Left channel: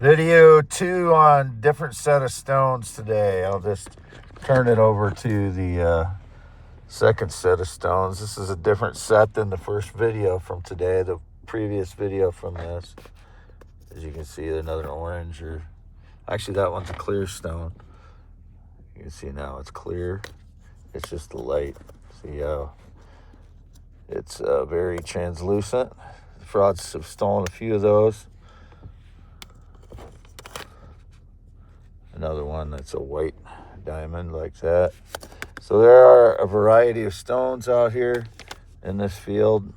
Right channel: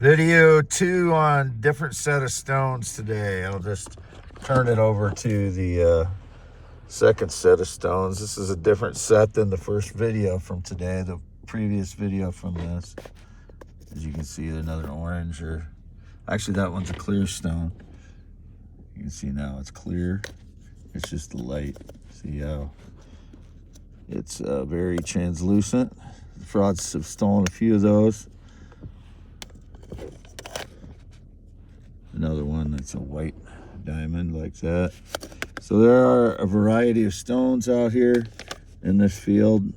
Video 2 on different set of stones today. I'll just turn it over to the second set of stones. This is a different set than the first video from today, the previous video from this. As you can see, another orange, or actually that one's a clear stone. You can see now it's clear. It's just the light. See how it's very translucent. The frauds have stolen a few of those. Another one that's a white diamond like that. So there are a variety of stones out here in this field.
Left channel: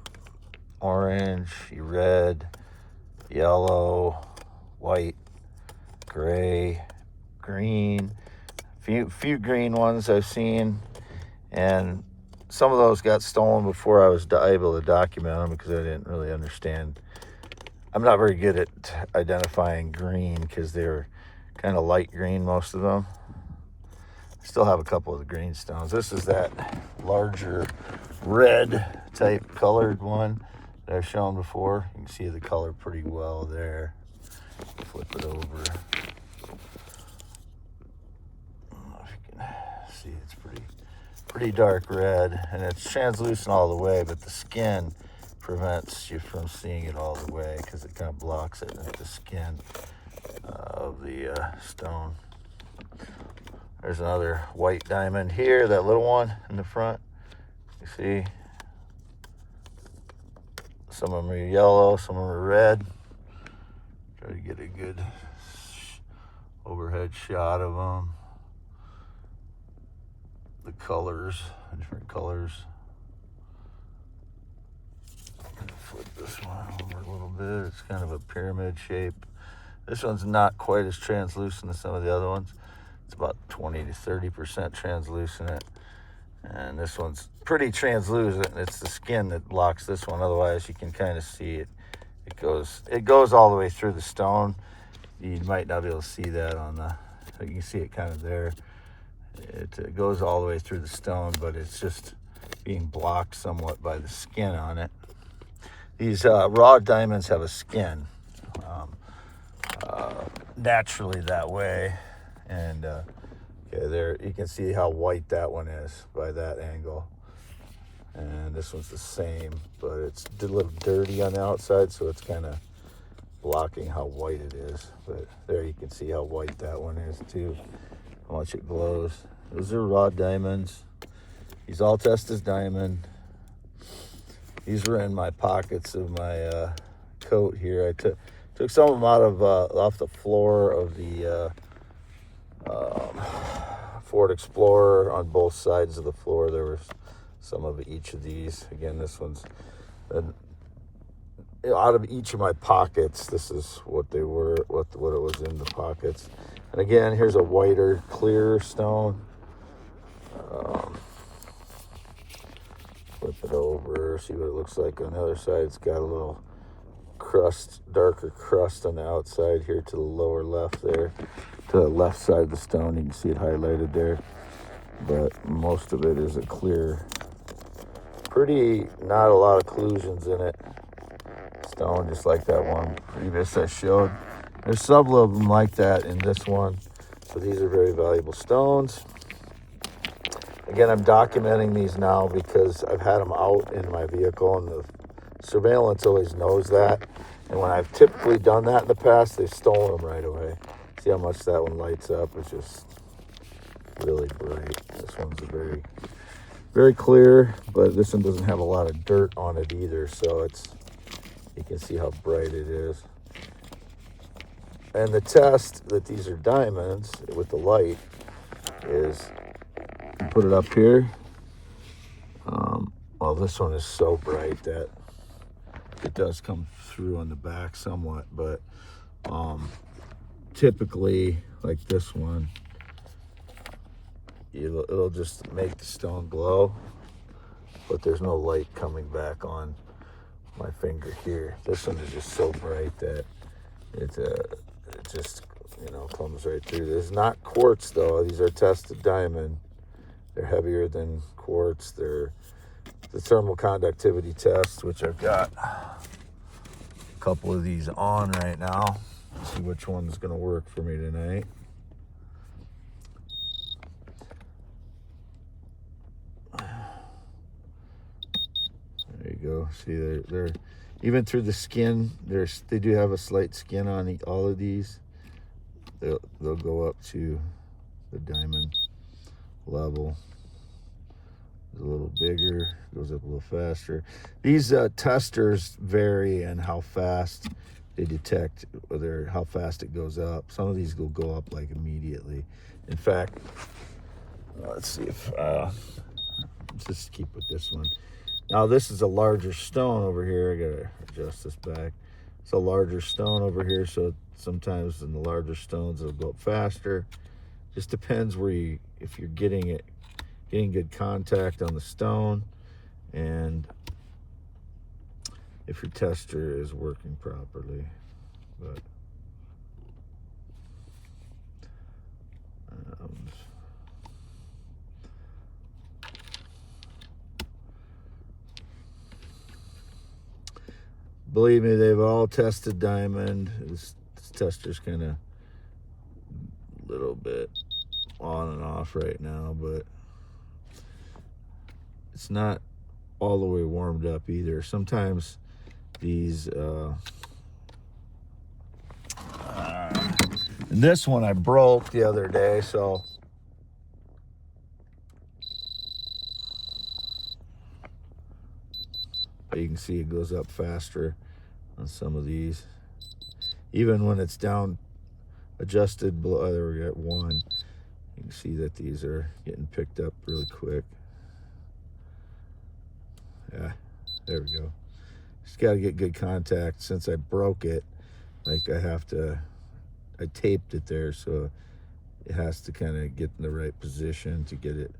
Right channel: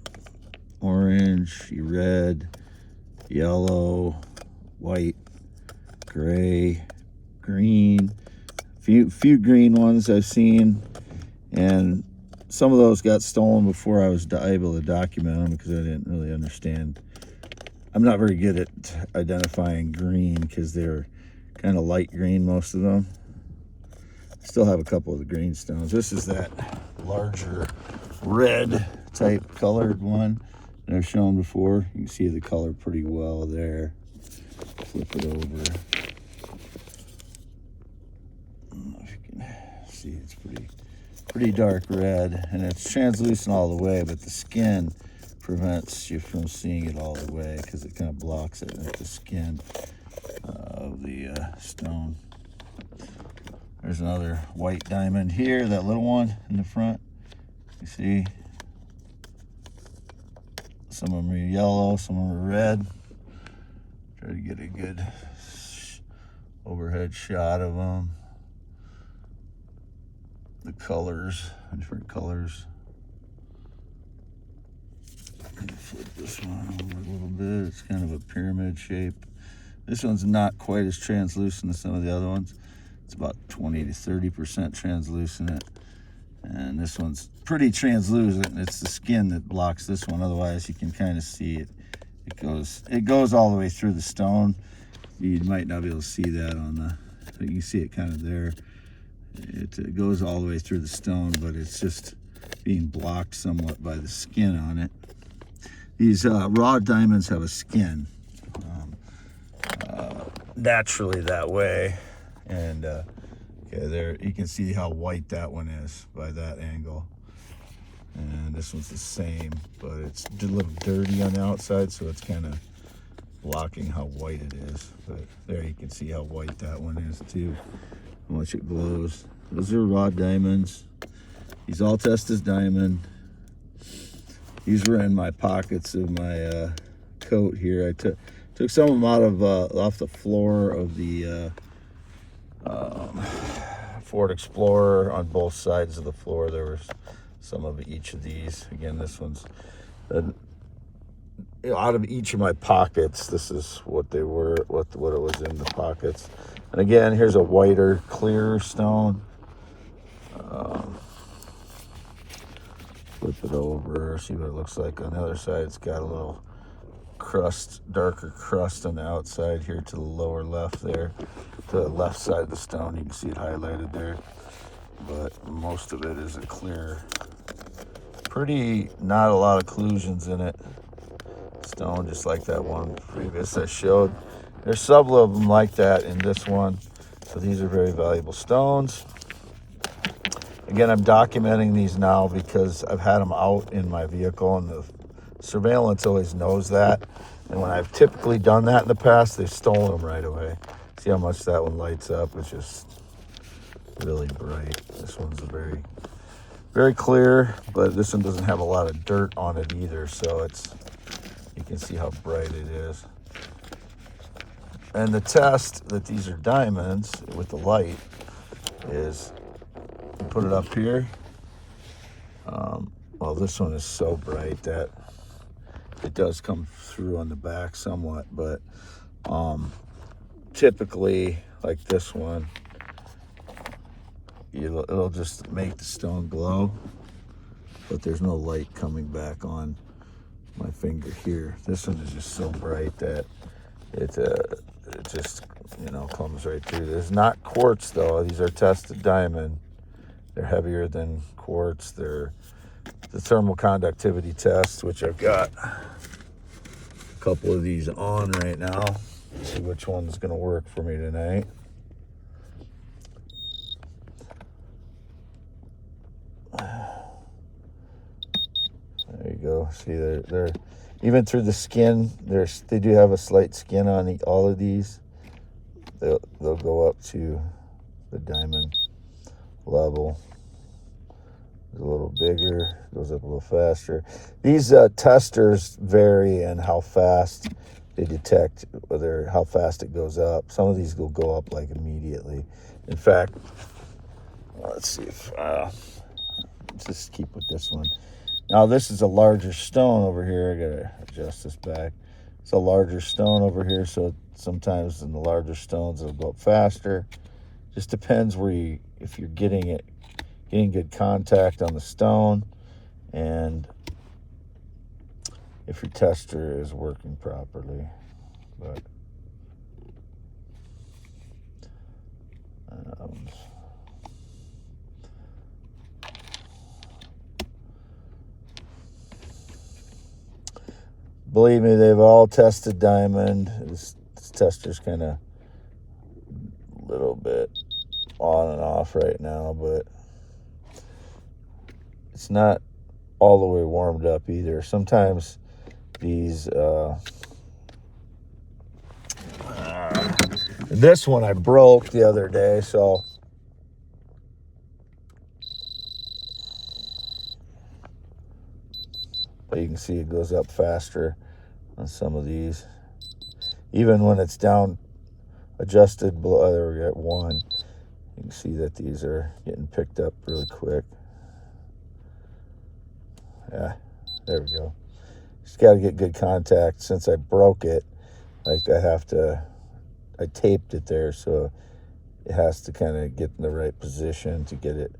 Orange, red, yellow, white, gray, green. Few green ones I've seen, and some of those got stolen before I was able to document them because I didn't really understand. I'm not very good at identifying green because they're kind of light green, most of them. Still have a couple of the green stones. This is that larger red type colored one that I've shown before. You can see the color pretty well there. Flip it over. I don't know if you can see, it's pretty dark red, and it's translucent all the way, but the skin prevents you from seeing it all the way because it kind of blocks it with the skin of the stone. There's another white diamond here, that little one in the front. You see, some of them are yellow, some of them are red. Try to get a good overhead shot of them. The colors, different colors. I'm gonna flip this one over a little bit. It's kind of a pyramid shape. This one's not quite as translucent as some of the other ones. It's about 20 to 30% translucent. And this one's pretty translucent. It's the skin that blocks this one. Otherwise, you can kind of see it. It goes all the way through the stone. You might not be able to see that on the, you can see it kind of there. It goes all the way through the stone, but it's just being blocked somewhat by the skin on it. These raw diamonds have a skin. Naturally that way, and okay, there you can see how white that one is by that angle, and this one's the same, but it's a little dirty on the outside, so it's kind of blocking how white it is. But there you can see how white that one is too, how much it glows. Those are raw diamonds. These all test as diamond. These were in my pockets of my coat here. I took some of them out of off the floor of the Ford Explorer. On both sides of the floor there was some of each of these. Again, this one's out of each of my pockets. This is what they were, what it was in the pockets. And again, here's a whiter, clearer stone. Flip it over, see what it looks like on the other side. It's got a little crust, darker crust on the outside here to the lower left there. To the left side of the stone, you can see it highlighted there. But most of it is a clear, not a lot of occlusions in it. Stone, just like that one previous I showed. There's several of them like that in this one. So these are very valuable stones. Again, I'm documenting these now because I've had them out in my vehicle, and the surveillance always knows that. And when I've typically done that in the past, they've stolen them right away. See how much that one lights up? It's just really bright. This one's a very, very clear, but this one doesn't have a lot of dirt on it either, so you can see how bright it is. And the test that these are diamonds with the light is, put it up here. Well, this one is so bright that it does come through on the back somewhat, but typically, like this one, it'll just make the stone glow, but there's no light coming back on my finger here. This one is just so bright that it just comes right through. This is not quartz though. These are tested diamond. They're heavier than quartz. They're the thermal conductivity test, which I've got a couple of these on right now. See which one's going to work for me tonight. There you go. See, they're even through the skin. They do have a slight skin on all of these. They'll go up to the diamond level. It's a little bigger, goes up a little faster. These testers vary in how fast they detect how fast it goes up. Some of these will go up like immediately. In fact, let's see if let's just keep with this one. Now this is a larger stone over here. I gotta adjust this back. It's a larger stone over here, so sometimes in the larger stones it'll go up faster. Just depends if you're getting good contact on the stone, and if your tester is working properly. But believe me, they've all tested diamond. This tester's kind of a little bit on and off right now, but it's not all the way warmed up either. Sometimes these this one I broke the other day, so you can see it goes up faster on some of these. Even when it's down adjusted below, there we got one. You can see that these are getting picked up really quick. Yeah, there we go. Just got to get good contact. Since I broke it, I taped it there, so it has to kind of get in the right position to get it.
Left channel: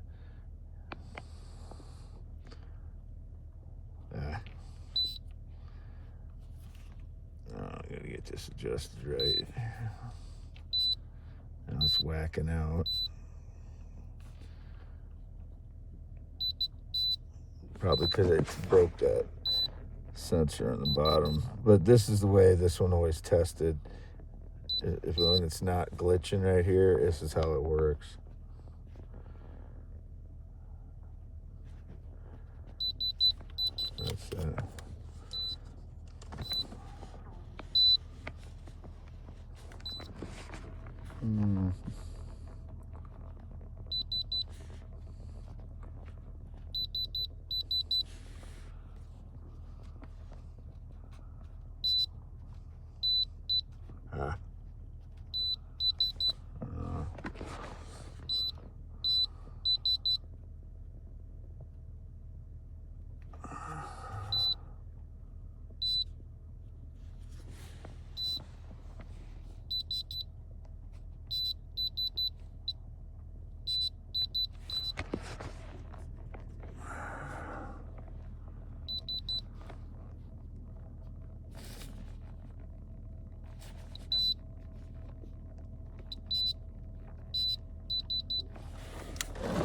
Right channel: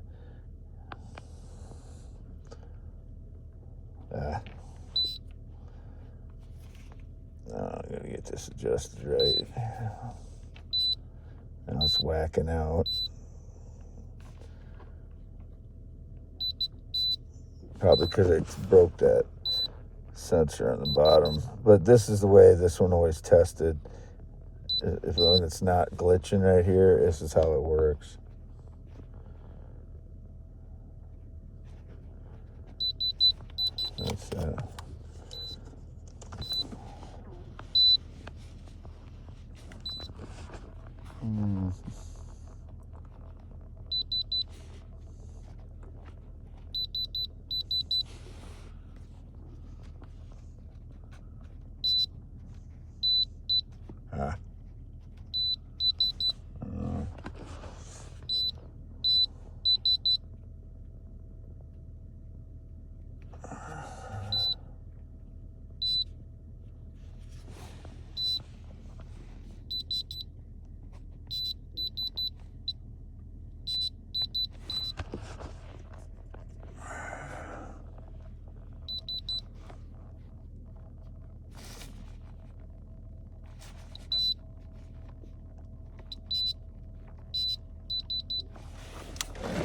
I'm going to get this adjusted right. Now it's whacking out. Probably because it broke that sensor on the bottom. But this is the way this one always tested. When it's not glitching right here, this is how it works. That's that.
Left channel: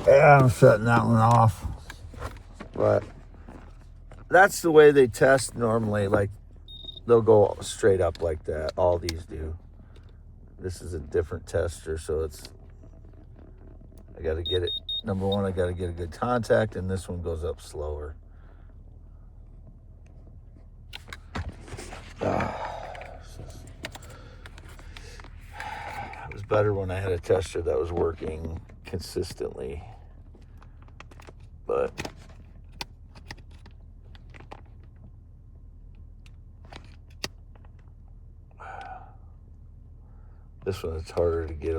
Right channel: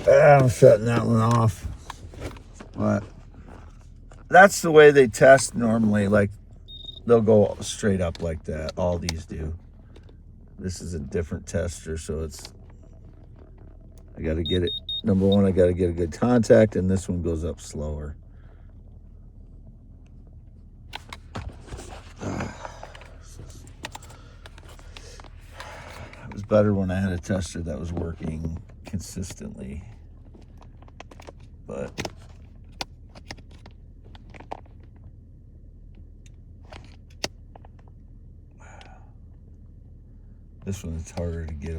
I'm shutting that one off. But that's the way they test normally. Like, they'll go straight up like that. All these do. This is a different tester, so I got to get it. Number one, I got to get a good contact, and this one goes up slower. It was better when I had a tester that was working consistently. But this one, it's harder to get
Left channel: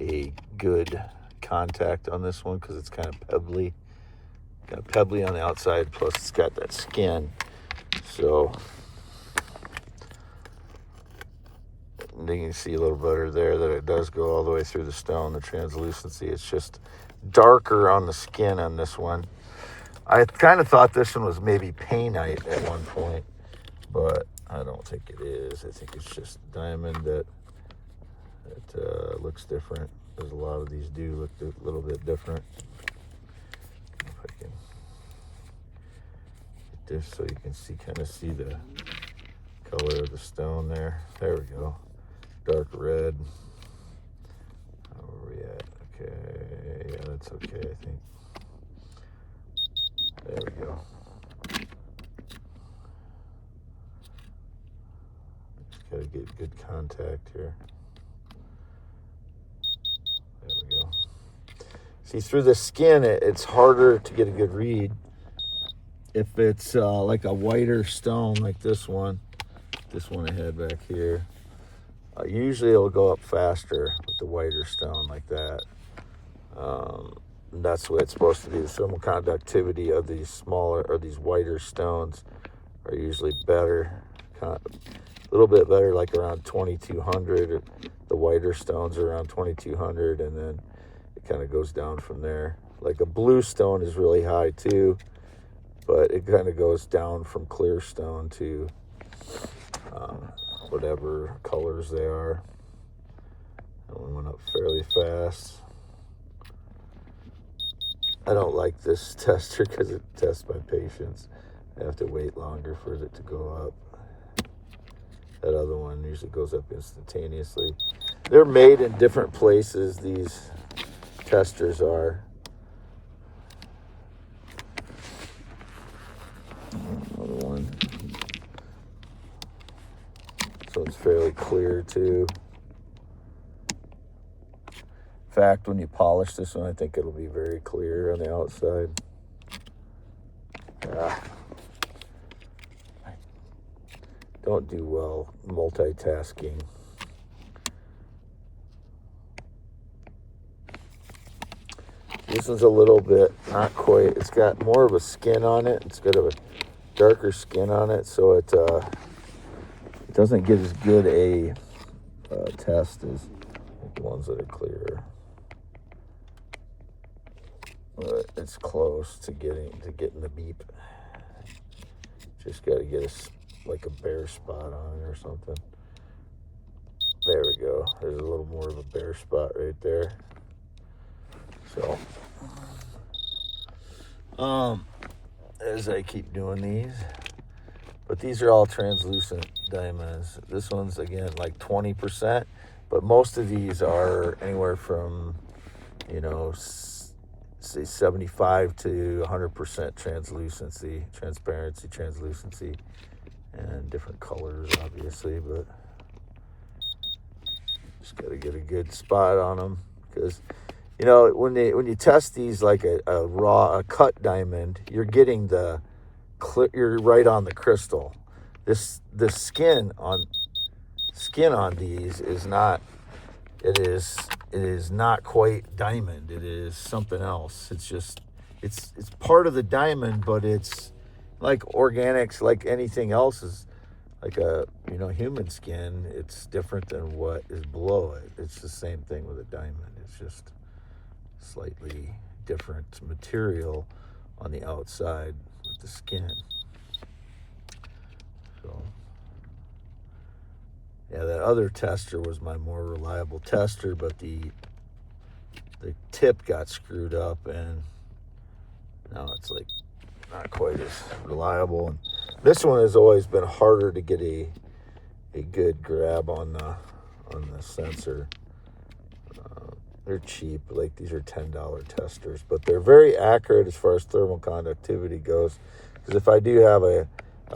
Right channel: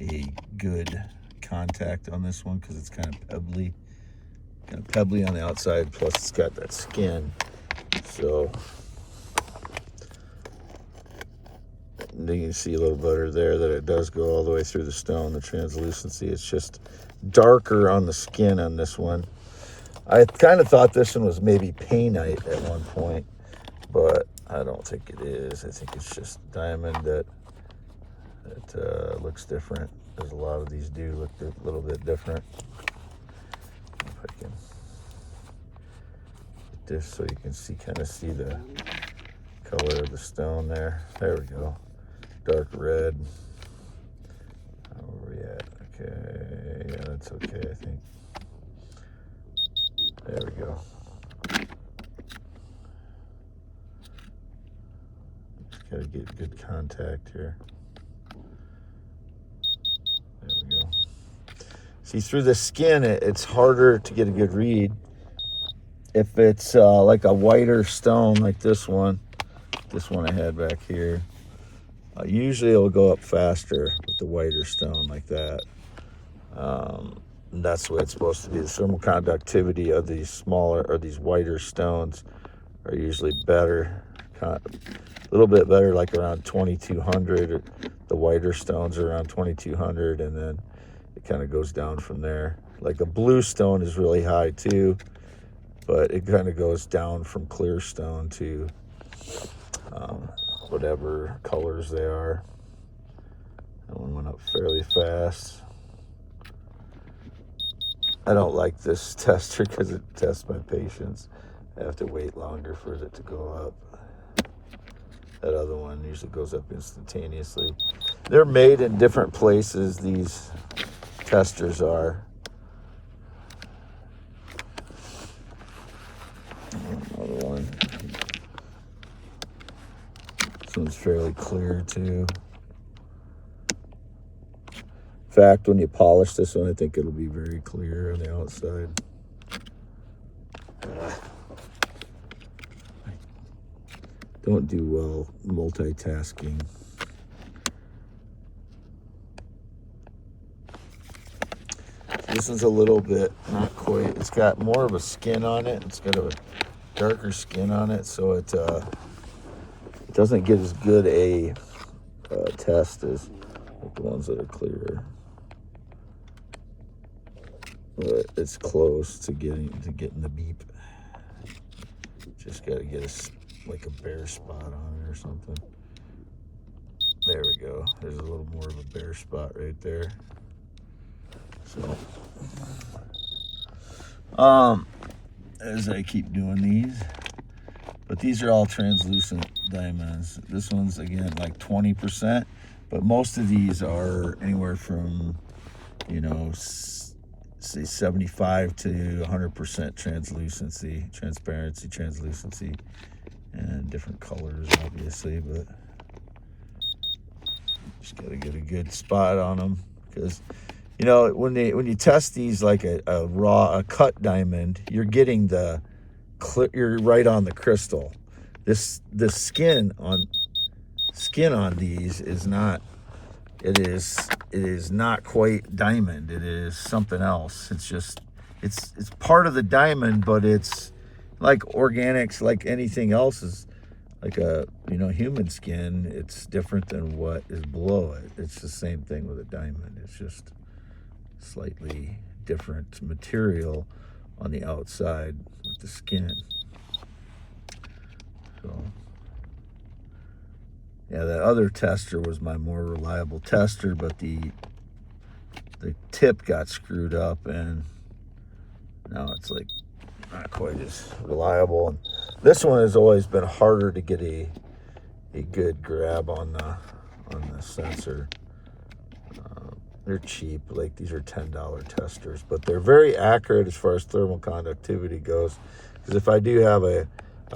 a good contact on this one because it's kind of pebbly. Kind of pebbly on the outside, plus it's got that skin. So you can see a little better there that it does go all the way through the stone, the translucency. It's just darker on the skin on this one. I kind of thought this one was maybe painite at one point, but I don't think it is. I think it's just diamond that looks different. There's a lot of these do look a little bit different. If I can get this so you can kind of see the color of the stone there. There we go. Dark red. Where are we at? Okay, yeah, that's okay, I think. There we go. Just gotta get good contact here. There we go. See, through the skin, it's harder to get a good read. If it's like a whiter stone like this one I had back here, usually it'll go up faster with the whiter stone like that. And that's the way it's supposed to be. The thermal conductivity of these smaller or these whiter stones are usually better, a little bit better, like around 2200. The whiter stones are around 2200, and then it kind of goes down from there. Like a blue stone is really high too, but it kind of goes down from clear stone to whatever colors they are. That one went up fairly fast. I don't like this tester because it tests my patience. I have to wait longer for it to go up. That other one usually goes up instantaneously. They're made in different places, these testers are. Another one. This one's fairly clear too. In fact, when you polish this one, I think it'll be very clear on the outside. I don't do well multitasking. This one's a little bit, not quite, it's got more of a skin on it. It's got a darker skin on it, so it doesn't get as good a test as like the ones that are clearer. But it's close to getting the beep. Just got to get like a bare spot on it or something. There we go. There's a little more of a bare spot right there. So, as I keep doing these, but these are all translucent diamonds. This one's again like 20%, but most of these are anywhere from, say 75 to 100% translucency, translucency, and different colors, obviously, but just got to get a good spot on them, because when you test these like a cut diamond, you're getting you're right on the crystal. The skin on these is not. It is not quite diamond. It is something else. It's just it's part of the diamond, but it's like organics, like anything else is like a human skin. It's different than what is below it. It's the same thing with a diamond. It's just slightly different material on the outside with the skin. So yeah, that other tester was my more reliable tester, but the tip got screwed up, and now it's like not quite as reliable. And this one has always been harder to get a good grab on the sensor. They're cheap, like these are $10 testers, but they're very accurate as far as thermal conductivity goes. Because if I do have a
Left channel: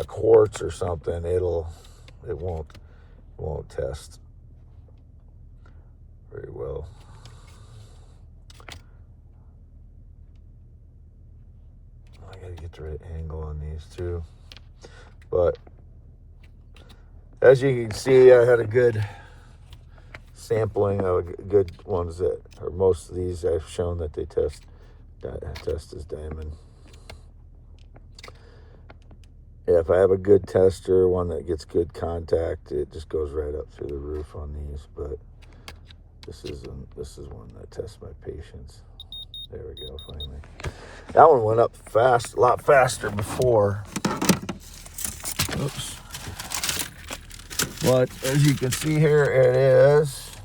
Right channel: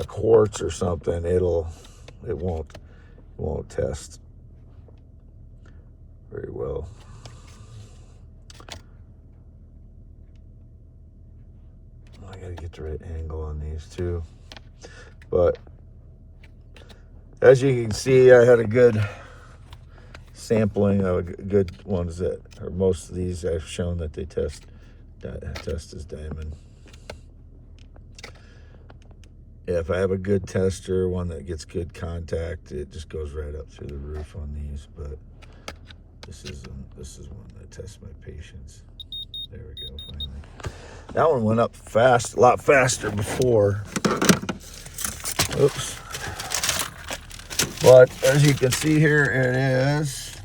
quartz or something, it won't test very well. I gotta get the right angle on these too. But as you can see, I had a good sampling of good ones or most of these I've shown that they test as diamond. Yeah, if I have a good tester, one that gets good contact, it just goes right up through the roof on these. But this is one that tests my patience. There we go, finally. That one went up fast, a lot faster before. Oops. But as you can see here, it is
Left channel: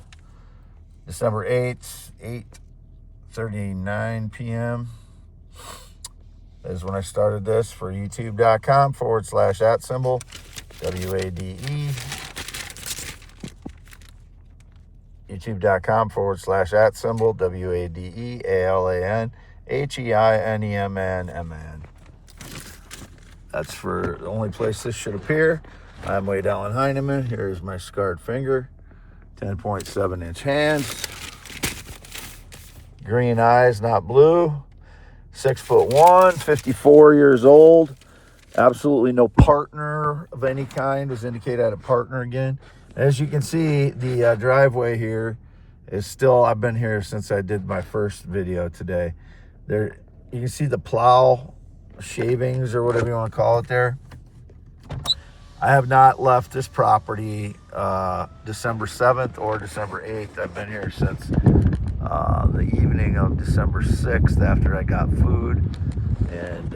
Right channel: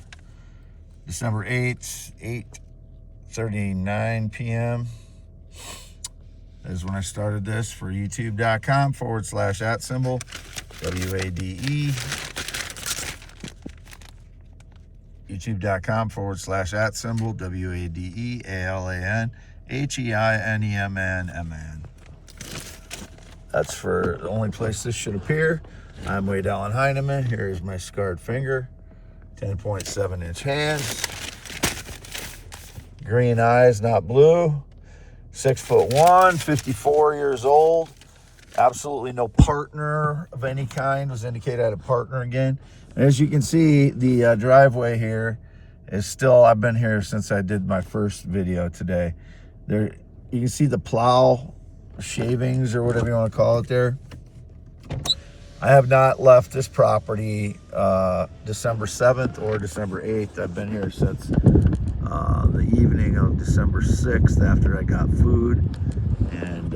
December 8th, 8:39 p.m. is when I started this for youtube.com /@ W-A-D-E. YouTube.com/@symbol, WADEALANHEINEMNMN. That's for the only place this should appear. I'm Wade Allen Heineman. Here's my scarred finger. 10.7-inch hands. Green eyes, not blue. 6'1", 54 years old. Absolutely no partner of any kind. Was indicated I had a partner again. As you can see, the driveway here is still, I've been here since I did my first video today. There, you can see the plow shavings or whatever you want to call it there. I have not left this property December 7th or December 8th. I've been here since the evening of December 6th after I got food, and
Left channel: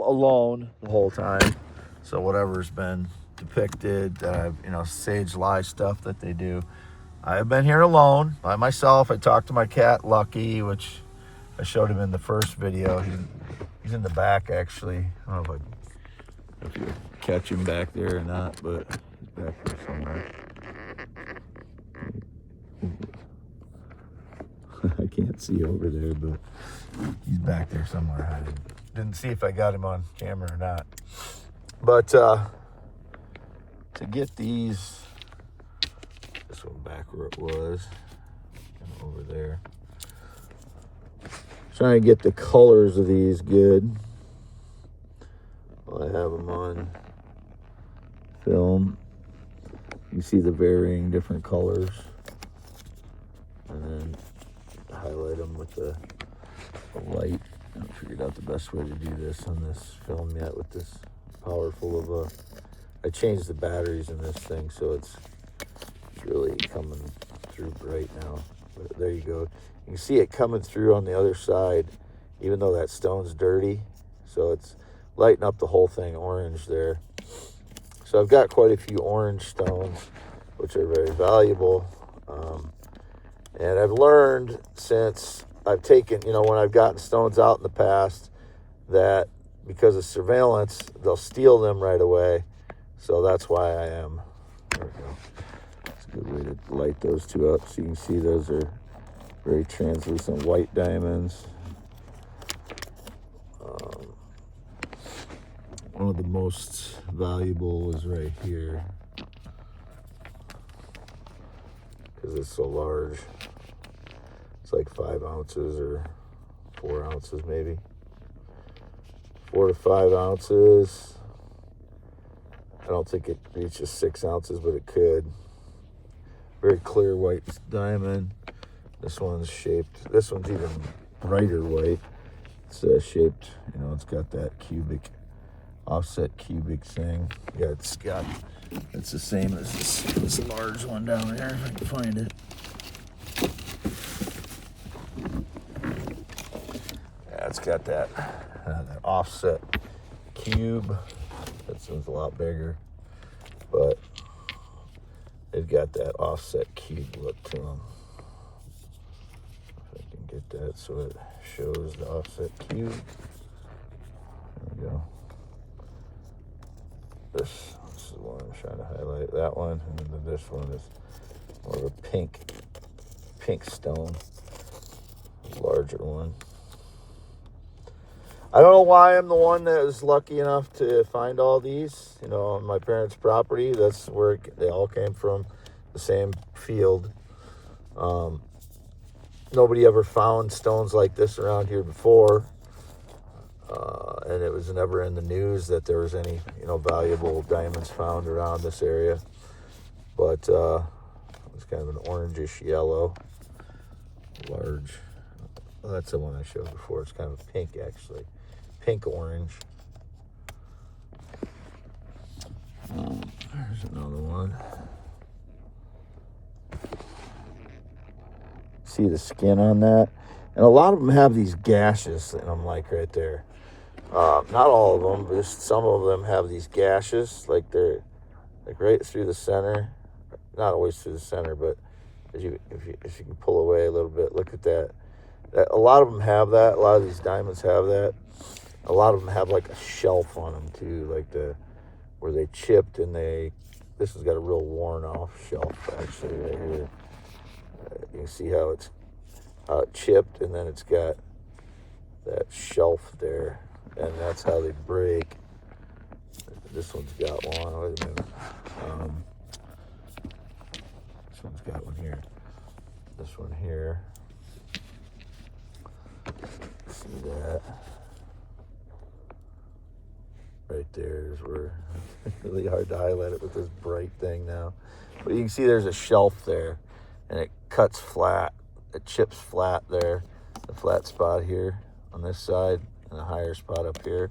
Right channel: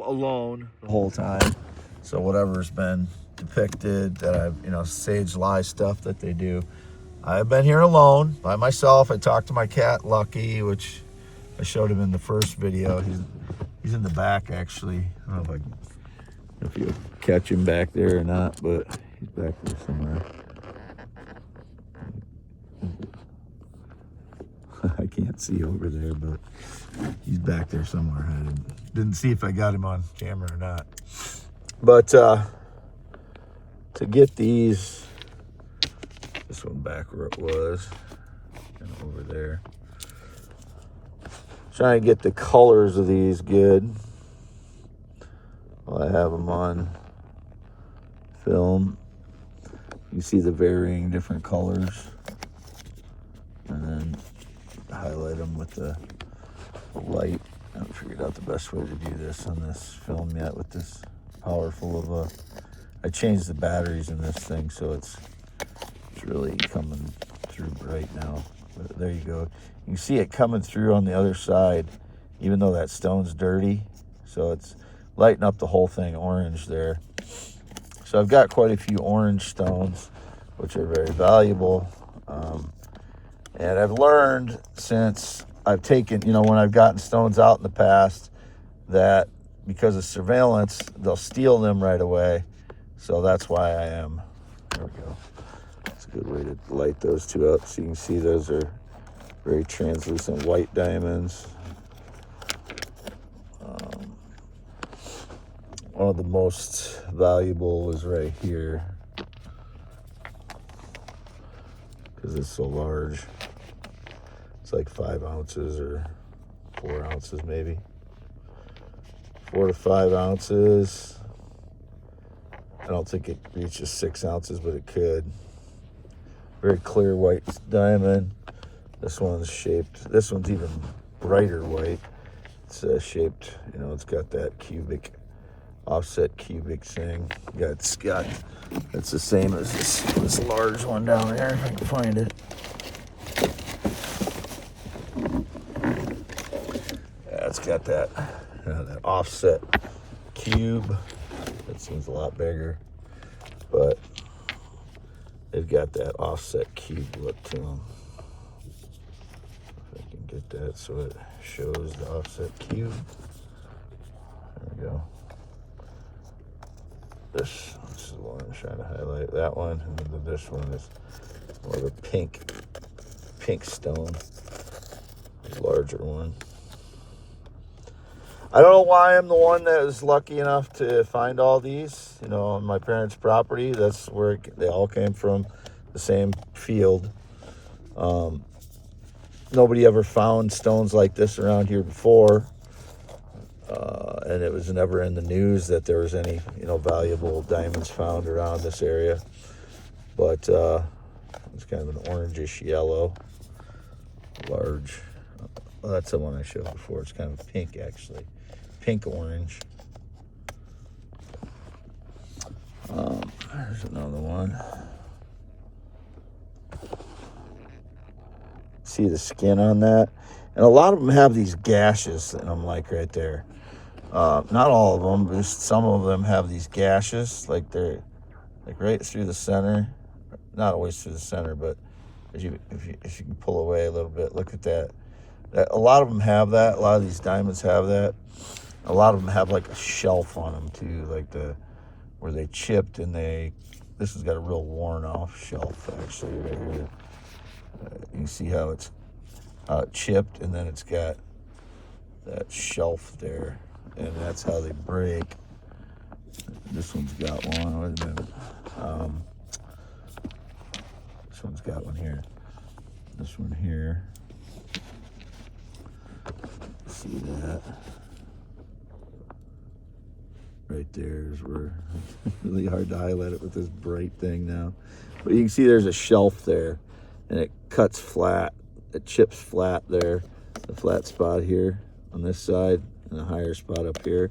alone the whole time. So whatever's been depicted that I've, sage lie stuff that they do. I have been here alone by myself. I talked to my cat Lucky, which I showed him in the first video. He's in the back actually. I don't know if you catch him back there or not, but he's back there somewhere. I can't see over there, but he's back there somewhere. I didn't see if I got him on camera or not. But to get these, this one back where it was, and over there. Trying to get the colors of these good. Well, I have them on film. You see the varying different colors, and then highlight them with the light. I haven't figured out the best way to do this on this film yet with this powerful of a, I changed the batteries in this thing, so it's really coming through bright now. But there you go. You can see it coming through on the other side, even though that stone's dirty. So it's lighting up the whole thing orange there. So I've got quite a few orange stones, which are very valuable. And I've learned since I've taken, when I've gotten stones out in the past, that because of surveillance, they'll steal them right away. So that's why I am. There we go. It's a good way to light those two up. So you can see those are very translucent white diamonds. One of the most valuable is right here, because it's so large. It's like 5 ounces or 4 ounces maybe. 4 to 5 ounces. I don't think it reaches 6 ounces, but it could. Very clear white diamond. This one's shaped, this one's even brighter white. It's shaped, it's got that cubic, offset cubic thing. It's the same as this large one down there, if I can find it. Yeah, it's got that offset cube. That seems a lot bigger, but they've got that offset cube look to them. If I can get that so it shows the offset cube. There we go. This is the one I'm trying to highlight. That one, and then this one is more of a pink stone, a larger one. I don't know why I'm the one that is lucky enough to find all these, on my parents' property. That's where they all came from, the same field. Nobody ever found stones like this around here before. And it was never in the news that there was any, valuable diamonds found around this area. But it's kind of an orangish yellow, large. Well, that's the one I showed before. It's kind of pink, actually. Pink orange. There's another one. See the skin on that? And a lot of them have these gashes, and I'm like right there. Not all of them, but some of them have these gashes, like they're like right through the center. Not always through the center, but if you can pull away a little bit, look at that. A lot of them have that. A lot of these diamonds have that. A lot of them have like a shelf on them too, like where they chipped, and this has got a real worn off shelf actually right here. You can see how it chipped, and then it's got that shelf there, and that's how they break. This one's got one. Wait a minute. This one's got one here. This one here. See that? Right there is where really hard to highlight it with this bright thing now. But you can see there's a shelf there, and it cuts flat. It chips flat there. The flat spot here on this side, and a higher spot up here.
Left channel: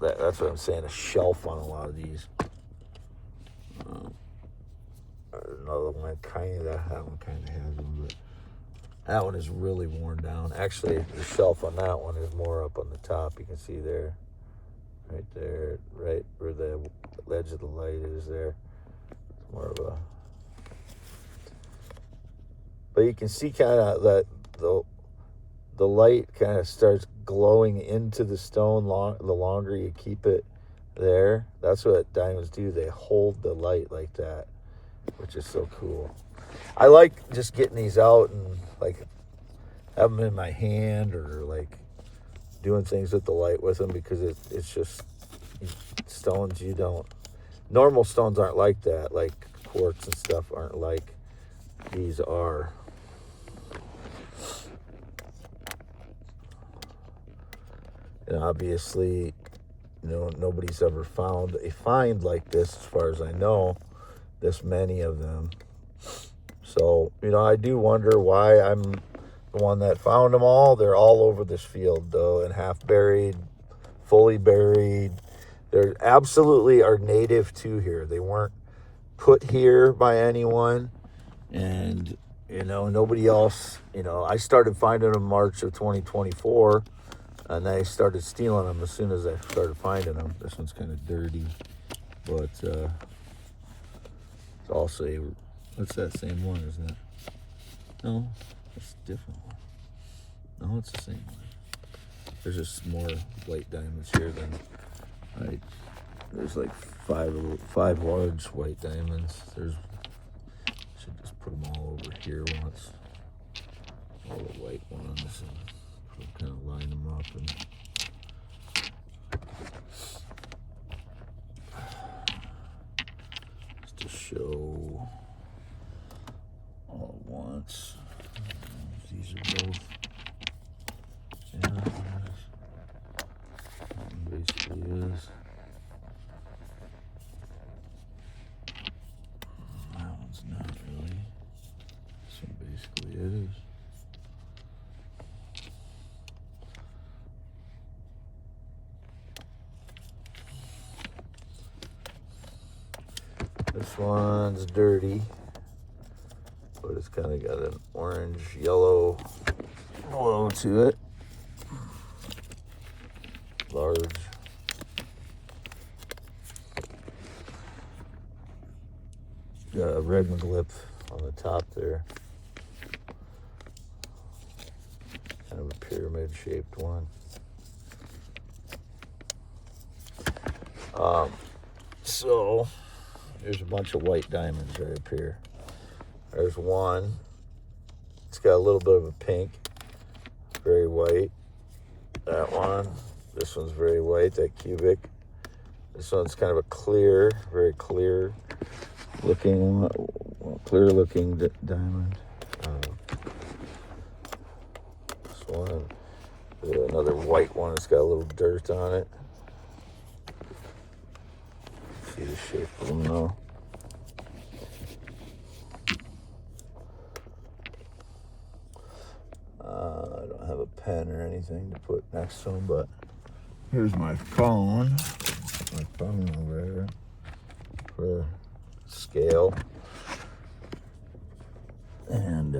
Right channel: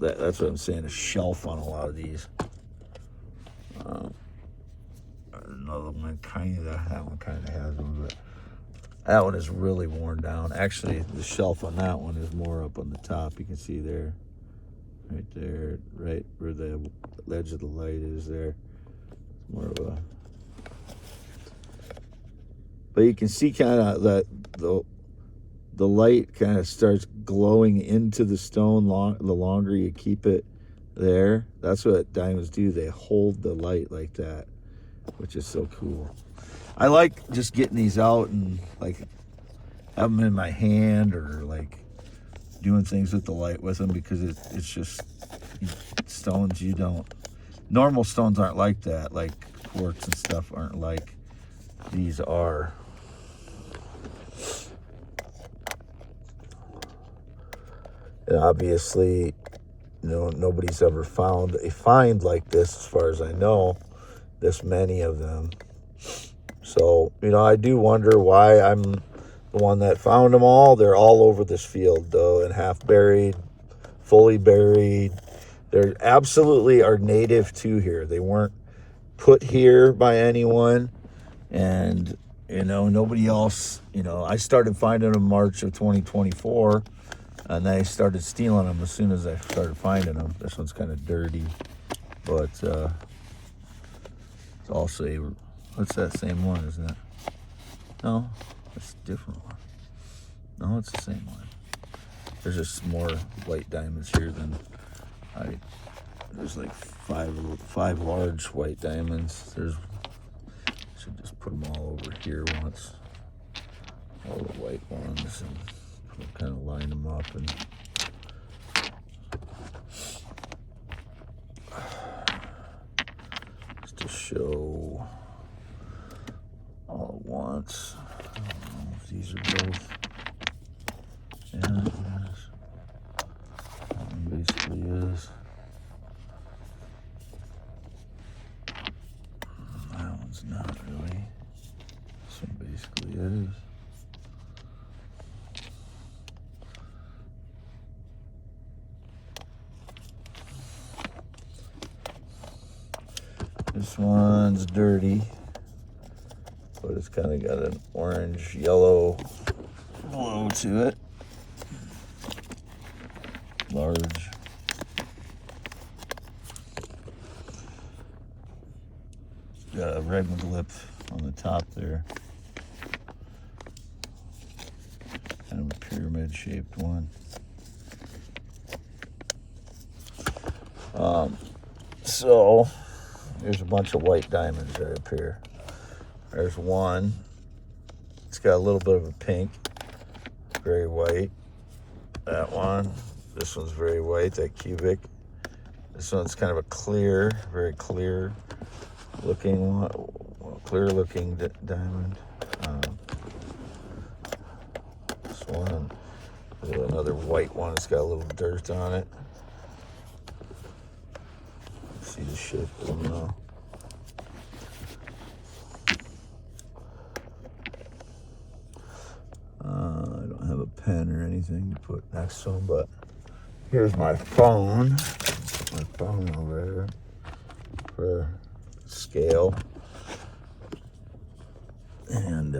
That's what I'm saying, a shelf on a lot of these. Another one, that one kind of has one, but that one is really worn down. Actually, the shelf on that one is more up on the top. You can see there, right there, right where the edge of the light is there. It's more of a... But you can see kind of that the light kind of starts glowing into the stone the longer you keep it there. That's what diamonds do. They hold the light like that, which is so cool. I like just getting these out and like have them in my hand, or like doing things with the light with them, because it's just stones you don't... Normal stones aren't like that. Like quartz and stuff aren't like these are. And obviously, nobody's ever found a find like this, as far as I know, this many of them. So, I do wonder why I'm the one that found them all. They're all over this field, though, and half buried, fully buried. They absolutely are native to here. They weren't put here by anyone. And, nobody else, I started finding them March of 2024. And they started stealing them as soon as I started finding them. This one's kind of dirty, but it's also what's that same one, isn't it? No, it's a different one. No, it's the same one. There's just more white diamonds here than there's like five large white diamonds. Should just put them all over here once. All the white ones, and kind of line them up and just to show all at once. I don't know if these are both. Yeah, it is. It basically is. That one's not really. This one basically is. This one's dirty, but it's kind of got an orange yellow glow to it. Large. Got a red glyph on the top there. Kind of a pyramid shaped one. So there's a bunch of white diamonds right up here. There's one. It's got a little bit of a pink, very white. That one. This one's very white, that cubic. This one's kind of a clear, very clear looking one, clear looking diamond. This one. Another white one. It's got a little dirt on it. See the shape? I don't know. I don't have a pen or anything to put next to them, but here's my phone. My phone over here for scale. And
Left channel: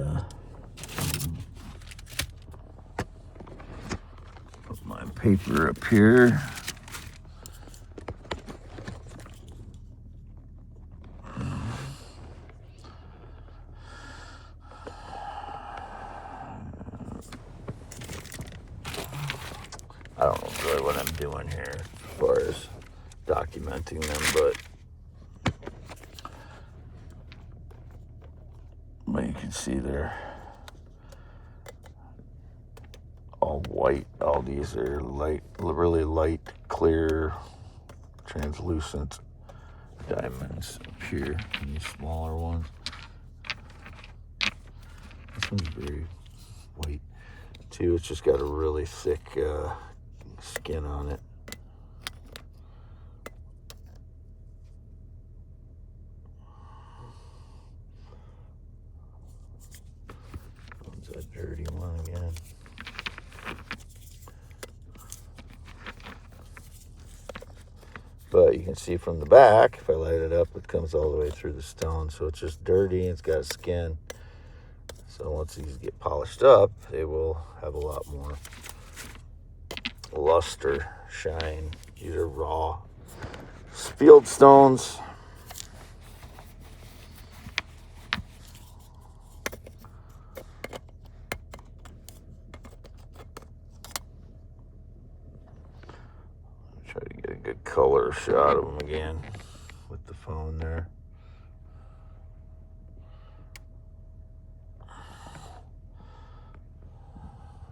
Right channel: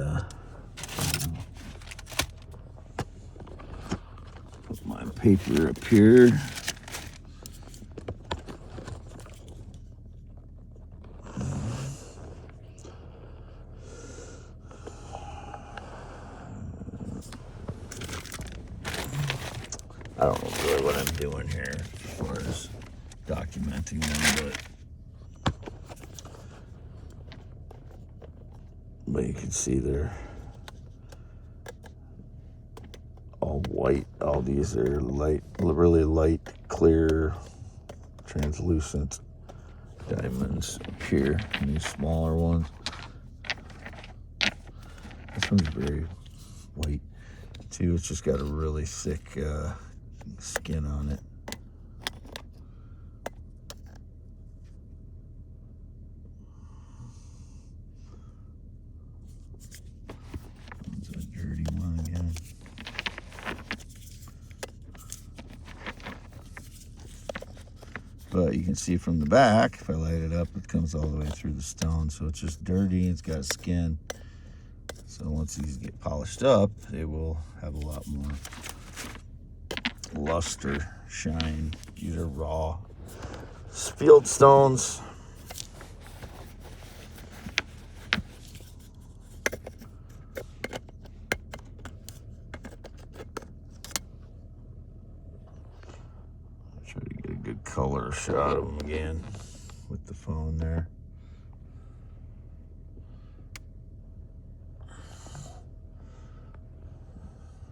put my paper up here. I don't know really what I'm doing here as far as documenting them, but you can see they're all white. All these are light, really light, clear, translucent diamonds up here, and these smaller ones. This one's very white too. It's just got a really thick skin on it. One's that dirty one again. But you can see from the back, if I light it up, it comes all the way through the stone. So it's just dirty and it's got skin. So once these get polished up, they will have a lot more luster, shine. These are raw field stones. Try to get a good color shot of them again with the phone there.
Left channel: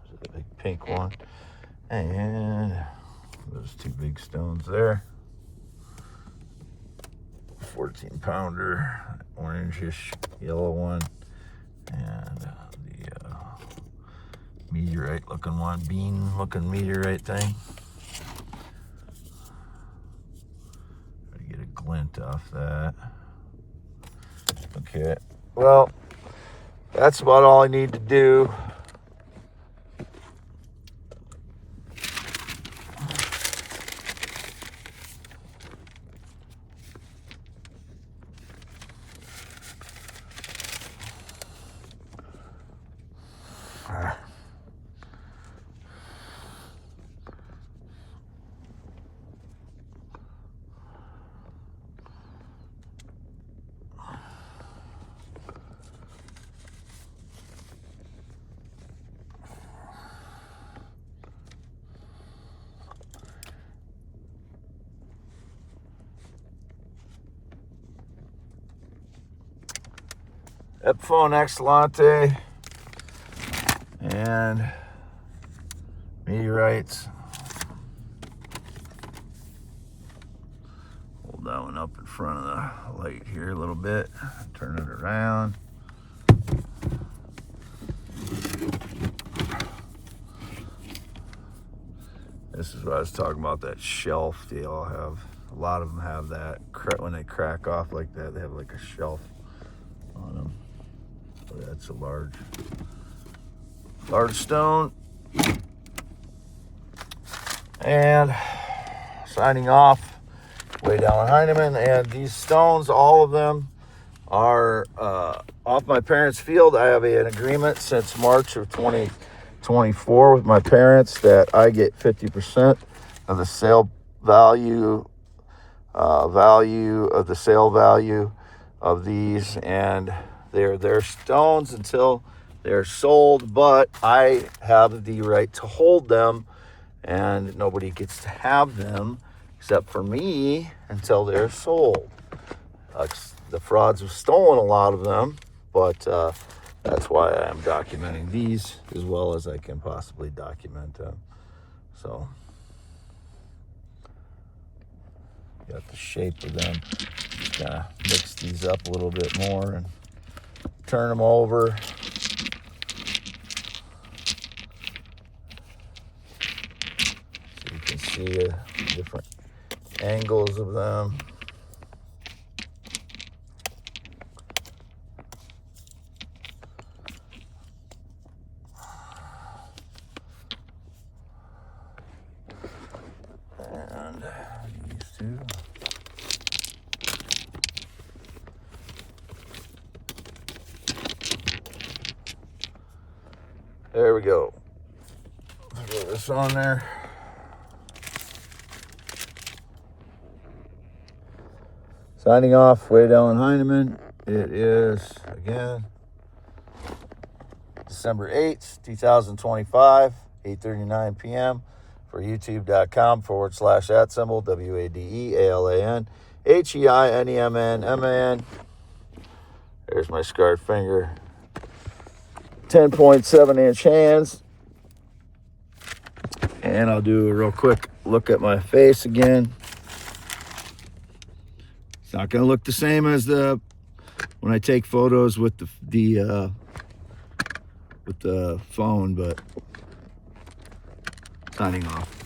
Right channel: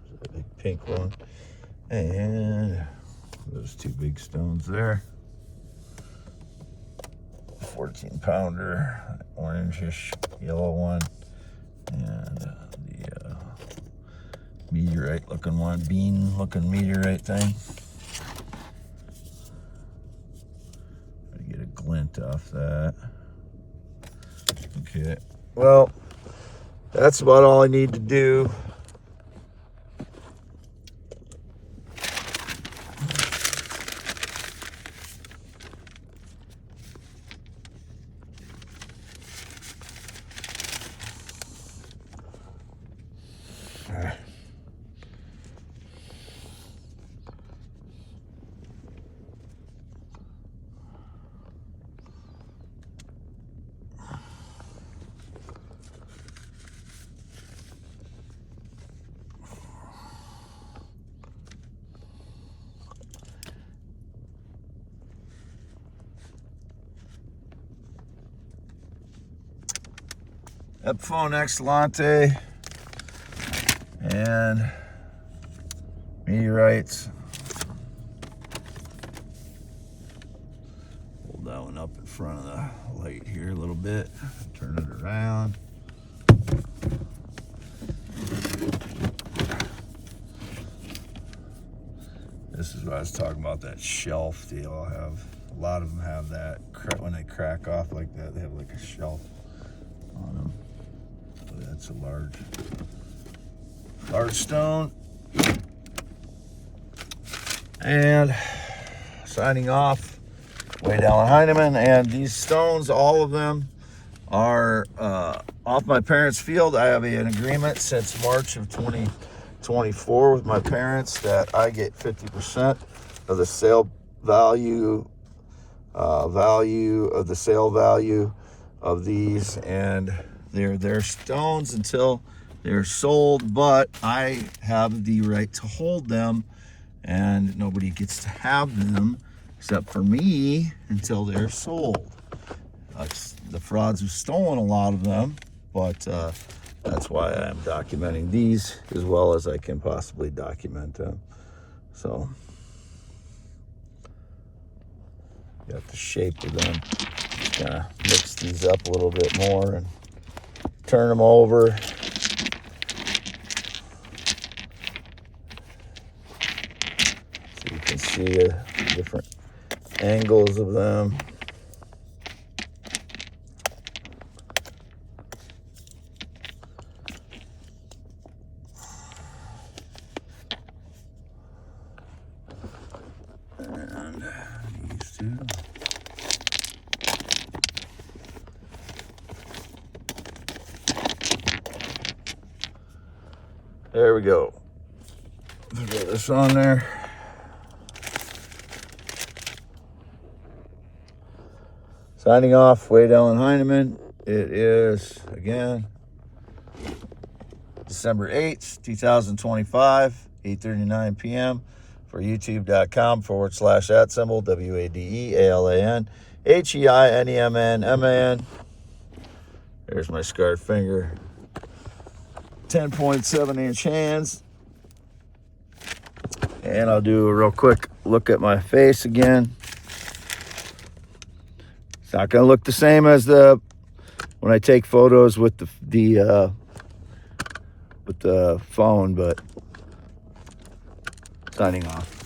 There's a big pink one. And those two big stones there. 14-pounder, orangish yellow one, and the meteorite looking one, bean looking meteorite thing. Get a glint off that. Okay, well, that's about all I need to do. Epiphone Excellente and meteorites. Hold that one up in front of the light here a little bit. Turn it around. This is what I was talking about, that shelf. They all have, a lot of them have that. When they crack off like that, they have like a shelf on them. So that's a large stone. And signing off, Rydell and Heineman. And these stones, all of them are off my parents' field. I have an agreement since March of 2024 with my parents that I get 50% of the sale value of the sale value of these, and they're their stones until they're sold, but I have the right to hold them, and nobody gets to have them except for me until they're sold. The frauds have stolen a lot of them, but that's why I'm documenting these as well as I can possibly document them. So, got the shape of them. Kind of mix these up a little bit more and turn them over. So you can see different angles of them. And these two. There we go. Throw this on there. Signing off, Rydell and Heineman. It is, again, December 8th, 2025, 8:39 p.m. for youtube.com/@symbol, WADEALANHEINEMNMAN. There's my scarred finger. 10.7-inch hands. And I'll do a real quick look at my face again. It's not going to look the same as when I take photos with the phone, but signing off.